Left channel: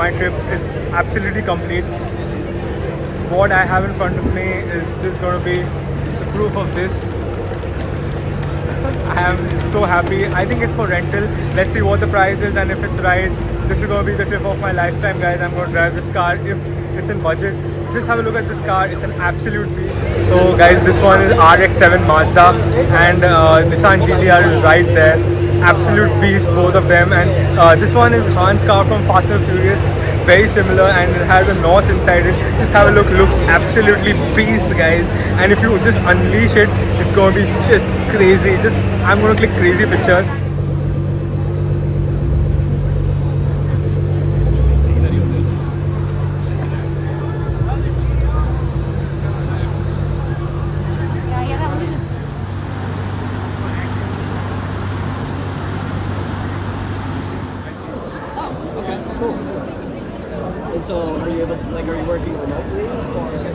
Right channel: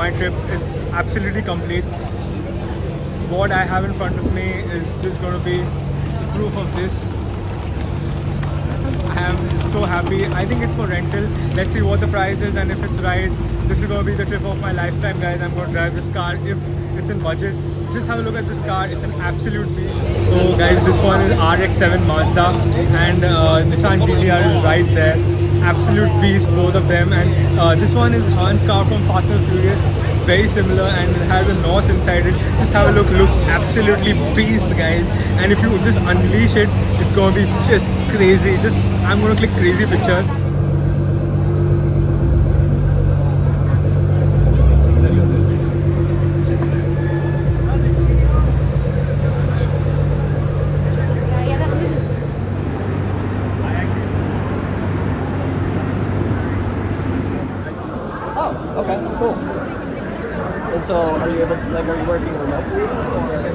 my trip is absolutely complete. What I have in front of me is just going to be the proof of this. I am so happy. I think it's for rental. Let's see what the price is, and if it's right, this is going to be the trip of my lifetime, guys. I'm going to drive this car if it's in budget. Just have a look at this car. It's an absolute beast. So guys, this one is RX-7 Mazda, and Nissan GTR is right there. Absolute beast, both of them. And this one is Han's car from Fast and Furious. Very similar, and it has a NOS inside it. Just have a look. Looks absolutely beast, guys. And if you just unleash it, it's going to be just crazy. I'm going to click crazy pictures. Oh, okay, cool. And so, are you working remotely, or?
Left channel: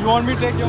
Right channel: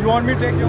You want me to take you?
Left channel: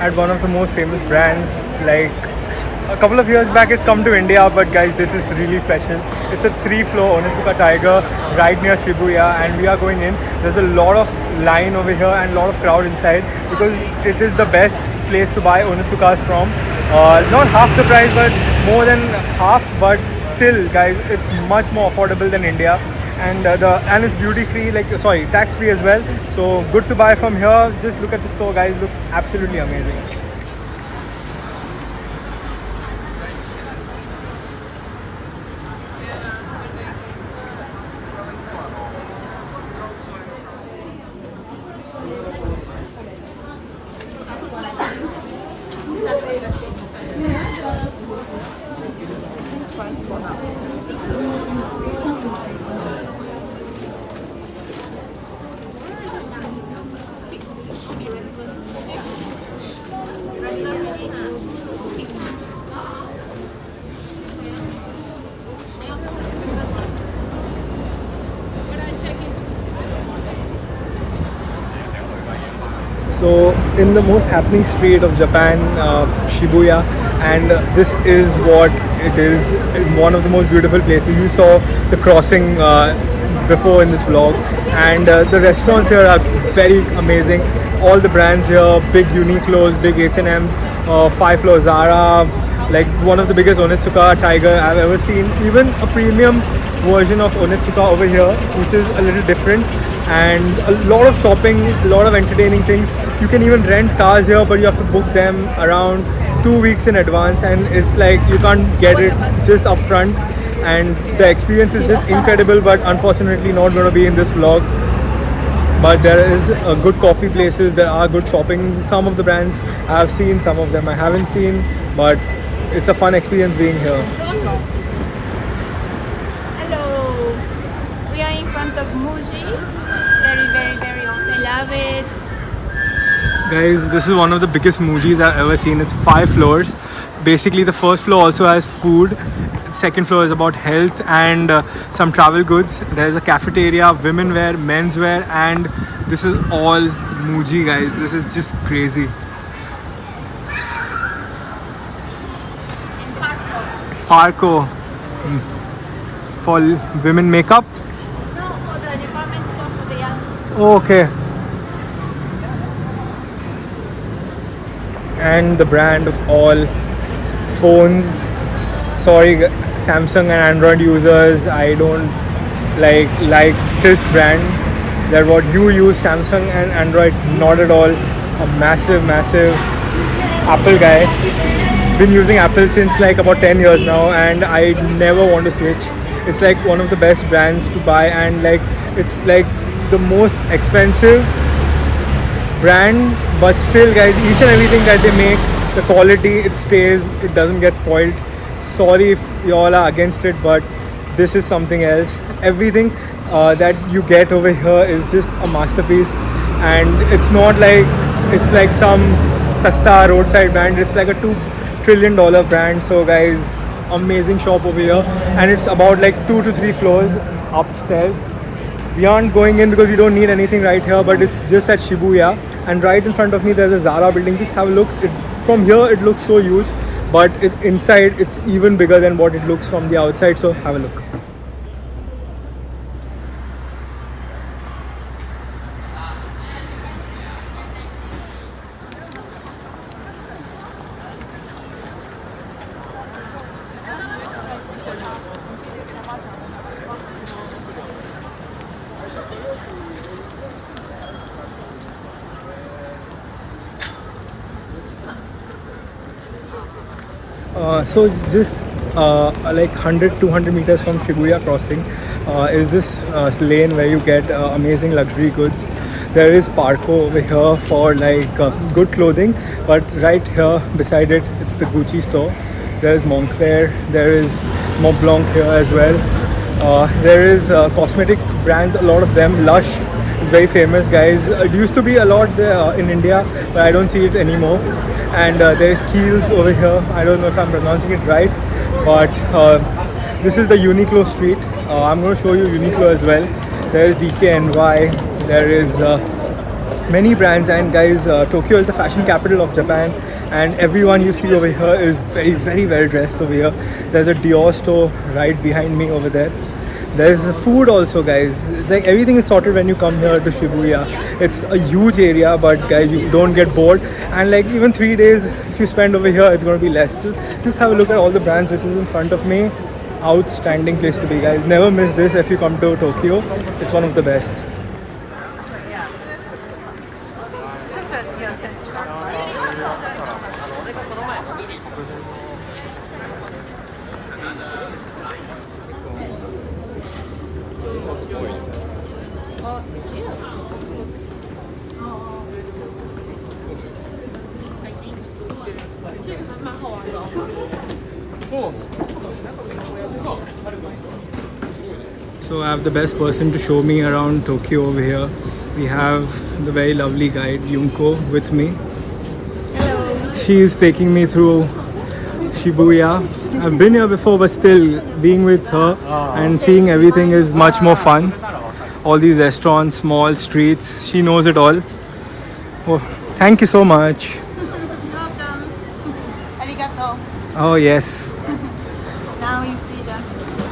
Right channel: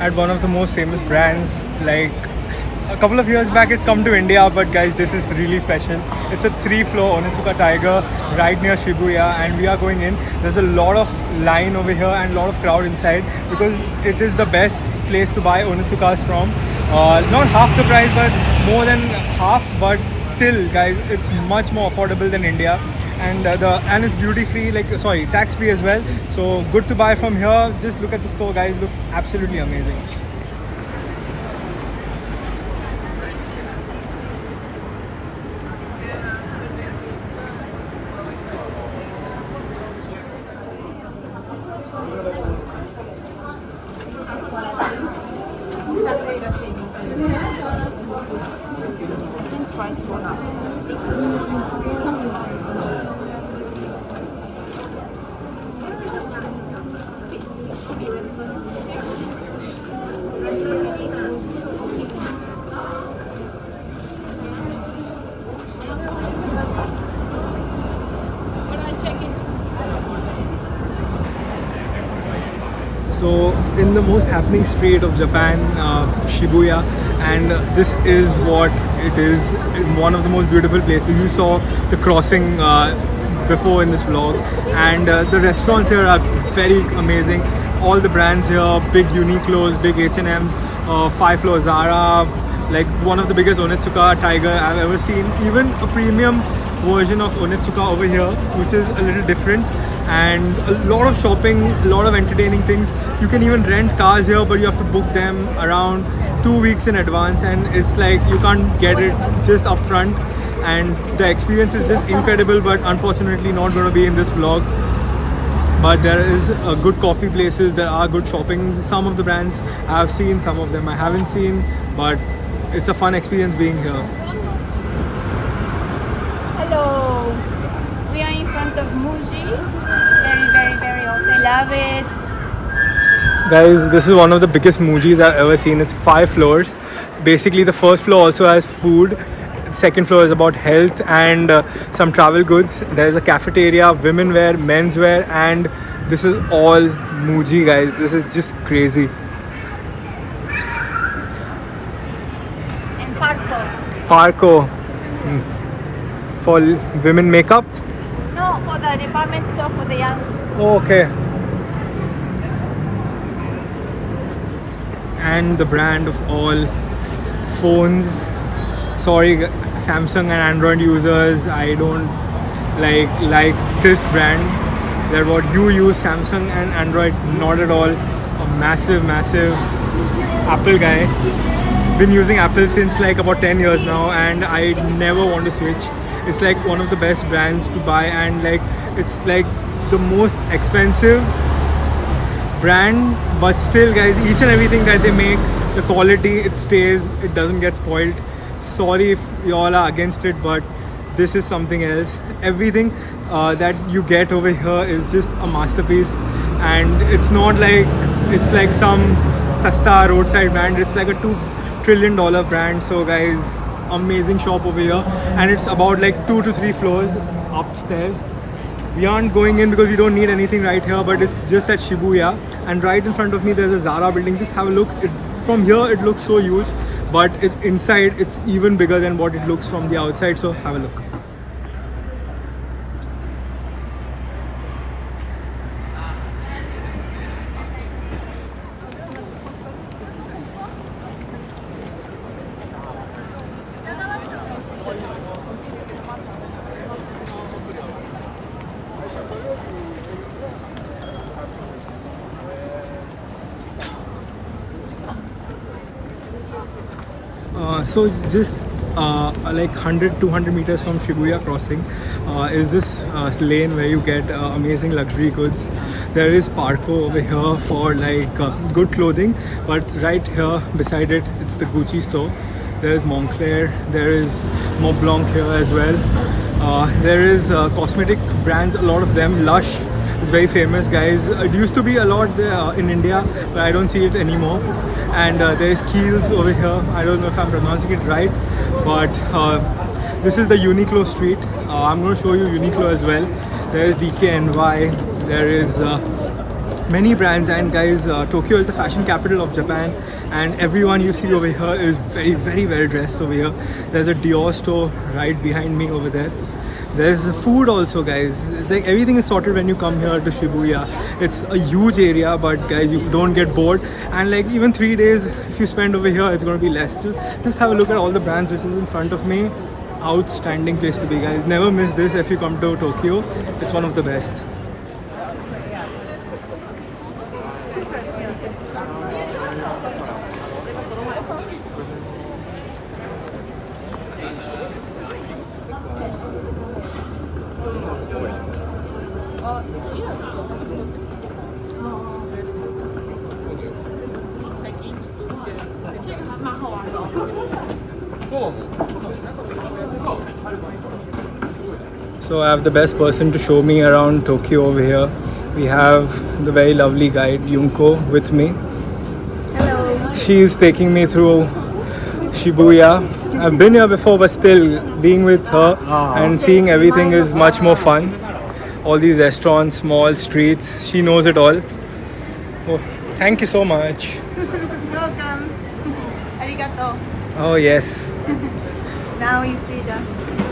At one of the most famous brands. Like a couple of years back it's come to India, but guys, this is really special. It's a 3-floor Onitsuka Tiger right near Shibuya, and we are going in. There's a lot of line over here and a lot of crowd inside because it is the best place to buy Onitsukas from. Not half the price, but more than half, but still guys, it's much more affordable than India. And it's duty free, tax free as well, so good to buy from here. Just look at the store, guys. Looks absolutely amazing. So in the most happening street of Japan, Shibuya, and this is what it is. One of the most beautiful places. You saw the crossing before in this vlog, and the restaurants here are very amazing. All the brands here, big Uniqlo's, big H&M's, 5 Floor Zara, like one of the biggest Onitsuka Tiger I've ever seen. Even a premium version of Onitsuka over here, which is a little different, and a lot of shopping, a lot of entertaining things. You can even rent cars here, but you have to book them around 2 weeks in advance, and it's like you can't get it just up front, and the experience is just incredible, but unfortunately not going to be in this vlog. But there is good coffee places, there are good shopping. Some of the brands I have seen, some of them I haven't seen, but it's a fun experience being here. Hello, we are in front of Muji. Very awesome. Love it. Guys, this is one of the biggest Mujis I've ever seen. It's 5 floors. Basically, the first floor also has food. Second floor is about health and some travel goods. There is a cafeteria, women wear, men's wear, and this is all Muji, guys. This is just crazy. And Parco. Parco for women makeup. No, for the department store for the youngs. Oh, okay. And the brand of all phones. Sorry, Samsung and Android users, I don't like this brand. That what you use, Samsung and Android, not at all. A massive Apple guy. Been using Apple since like about 10 years now, and I never want to switch. It's like one of the best brands to buy, and like it's like the most expensive brand, but still, guys, each and everything that they make, the quality, it stays, it doesn't get spoiled. Sorry if you all are against it, but this is something else. Everything that you get over here is just a masterpiece, and it's not like it's like some sasta roadside brand. It's like a $2 trillion brand. So guys, amazing shop over here, and it's about like 2 to 3 floors upstairs. We aren't going in because we don't need anything right here, but it's just at Shibuya, and right in front of me there's a Zara building. Just have a look. From here it looks so huge, but inside it's even bigger than what it looks from the outside. So have a look. So just like 100-200 meters from Shibuya crossing is this lane where you get amazing luxury goods. There is Parco over here for like good clothing, but right here beside it, it's the Gucci store. There is Moncler, there is Montblanc here as well. There is cosmetic brands, a lot of them. Lush is very famous, guys. It used to be a lot there in India, but I don't see it anymore. And there's Kiehl's over here. I don't know if I'm pronouncing it right, but this is the Uniqlo street. I'm going to show you Uniqlo as well. There is DKNY. There is many brands, and guys, Tokyo is the fashion capital of Japan, and everyone you see over here is very well dressed over here. There's a Dior store right behind me over there. There's food also, guys. It's like everything is sorted when you come here to Shibuya. It's a huge area, but guys, you don't get bored. And like even 3 days, if you spend over here, it's going to be less. Just have a look at all the brands which is in front of me. Outstanding place to be, guys. Never miss this if you come to Tokyo. It's one of the best. So I have the best person to show me around Tokyo over here. We have the very lovely guide Yunko with me. Hello. She is taking me through Shibuya. I've been here before, but still being with her and seeing everything is much more fun. All these restaurants, malls, streets, she knows it all. Oh, Thank you so much. Welcome. Arigato. Oh yes. Now you see the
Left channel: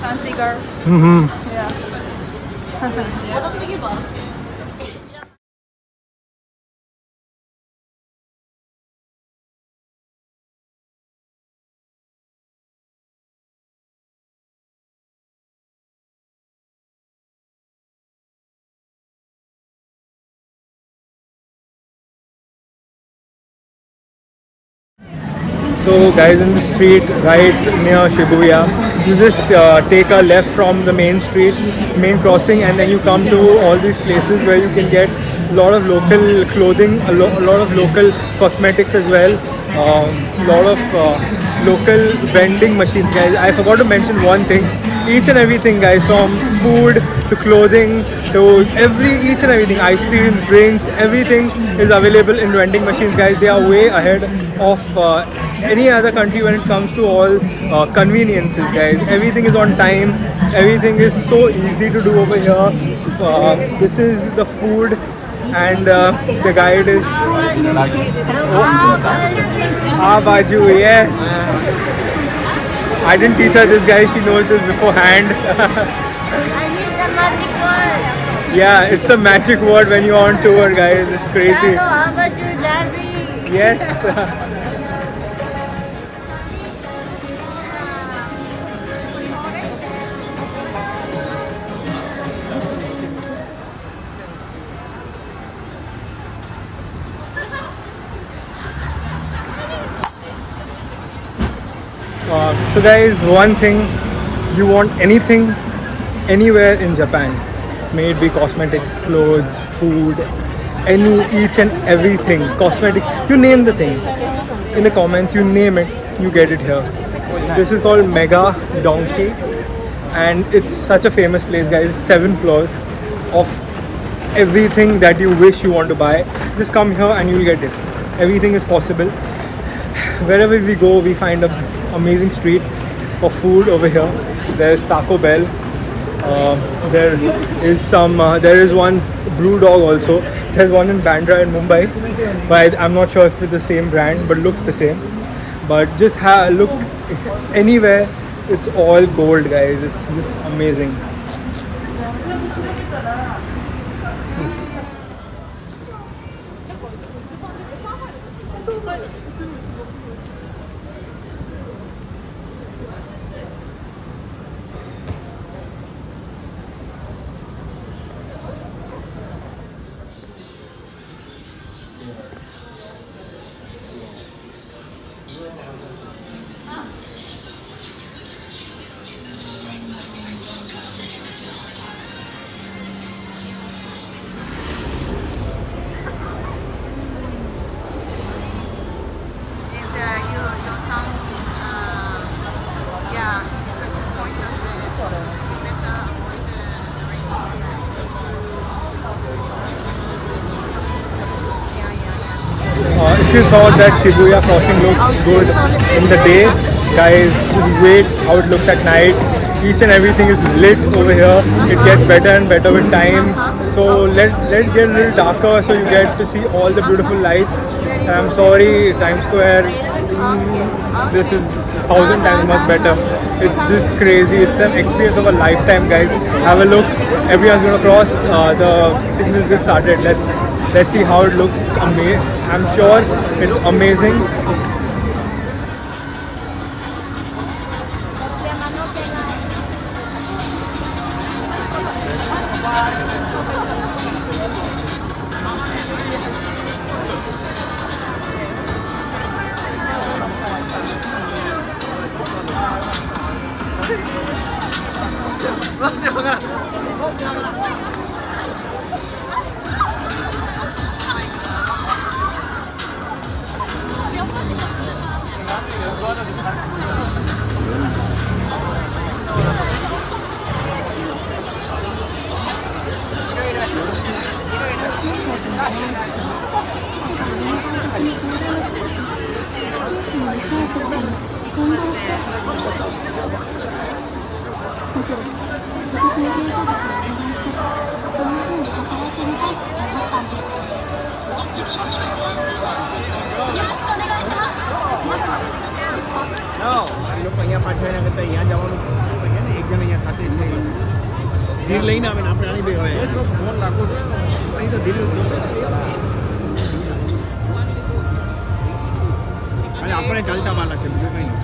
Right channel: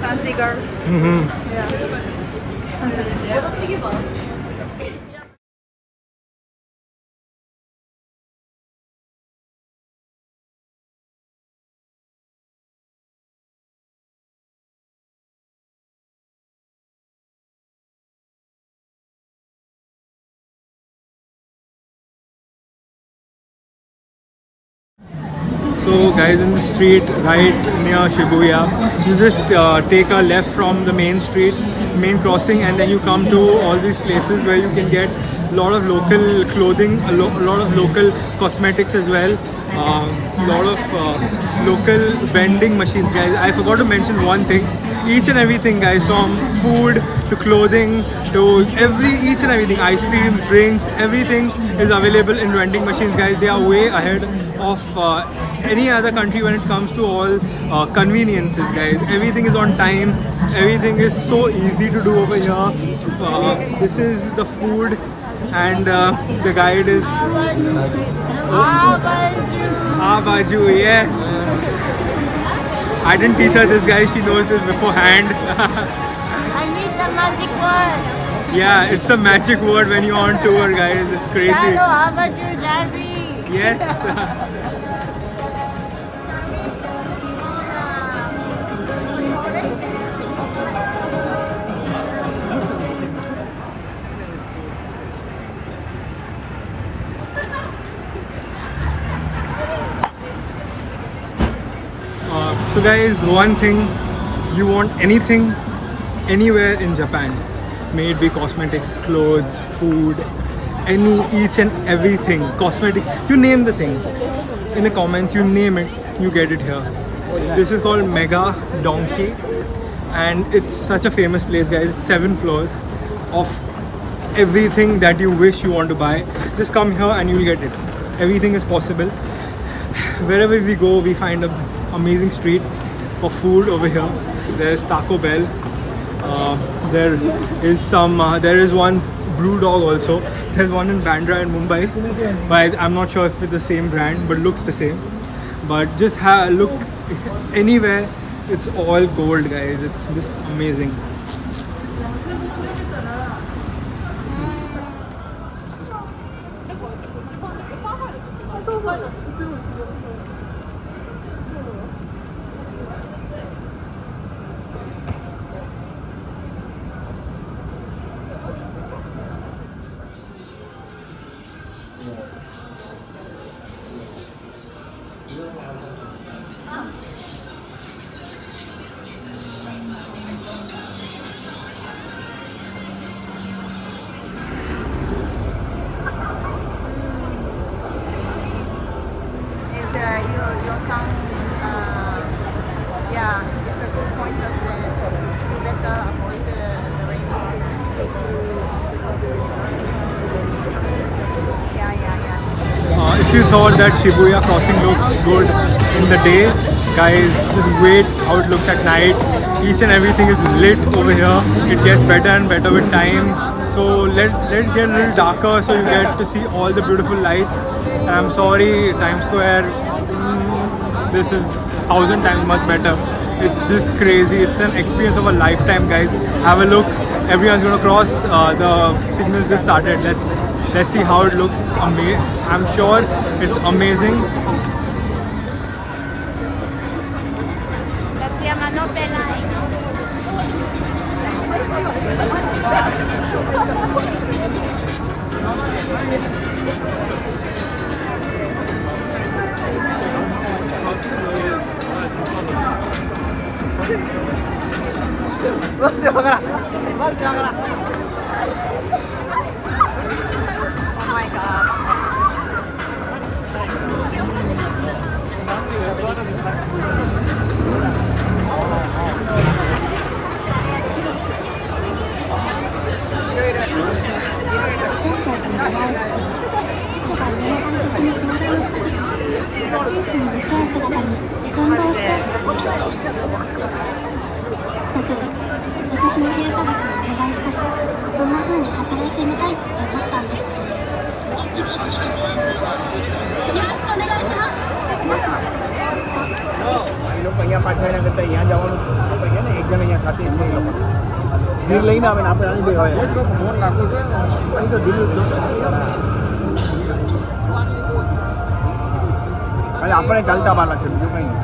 fancy girls. Yeah. So guys, in the street right near Shibuya, you just take a left from the main street, main crossing, and then you come to all these places where you can get a lot of local clothing, a lot of local cosmetics as well, a lot of local vending machines, guys. I forgot to mention one thing. Each and everything, guys, from food to clothing to each and everything, ice creams, drinks, everything is available in vending machines, guys. They are way ahead of any other country when it comes to all conveniences, guys. Everything is on time. Everything is so easy to do over here. This is the food, and the guide is Baju. Yes, I didn't teach her this, guys. She knows this beforehand. I need the magic words. Yeah, it's the magic word when you're on tour, guys. It's crazy. Yes. So guys, one thing, you want anything anywhere in Japan, may it be cosmetics, clothes, food, each and everything, cosmetics, you name the thing, in the comments, you name it, you get it here. This is called Mega Donkey, and it's such a famous place, guys. It's 7 floors of everything that you wish you want to buy. Just come here and you'll get it. Everything is possible. Wherever we go, we find an amazing street for food over here. There's Taco Bell. There is one Brew Dog also. There's one in Bandra in Mumbai, but I'm not sure if it's the same brand, but looks the same. But just look anywhere, it's all gold, guys. It's just amazing. Your song, yeah, it's a good point of the better avoid the rainy season. If you thought that Shibuya crossing looks good in the day, guys, just wait how it looks at night. Each and everything is lit over here. It gets better and better with time. So let's get a little darker so you get to see all the beautiful lights. And I'm sorry, Times Square, this is 1,000 times much better. It's just crazy. It's an experience of a lifetime, guys. Have a look. Everyone's gonna cross. The signals just started. Let's see how it looks. It's amazing. I'm sure it's amazing. એ લોકો અહીંયા પાછા એના કરતાં અહીંયા જવાનું આપણે કહે ને એક જણ અહીંયા સાથે છે એ લોકો ધીર લઈને આવે ને આપણે આની બે હોય ફોન નાખો છો અહીં તો ધીર ખાલી આપણે ચાલતા બહારના છે બીજું કંઈ નહીં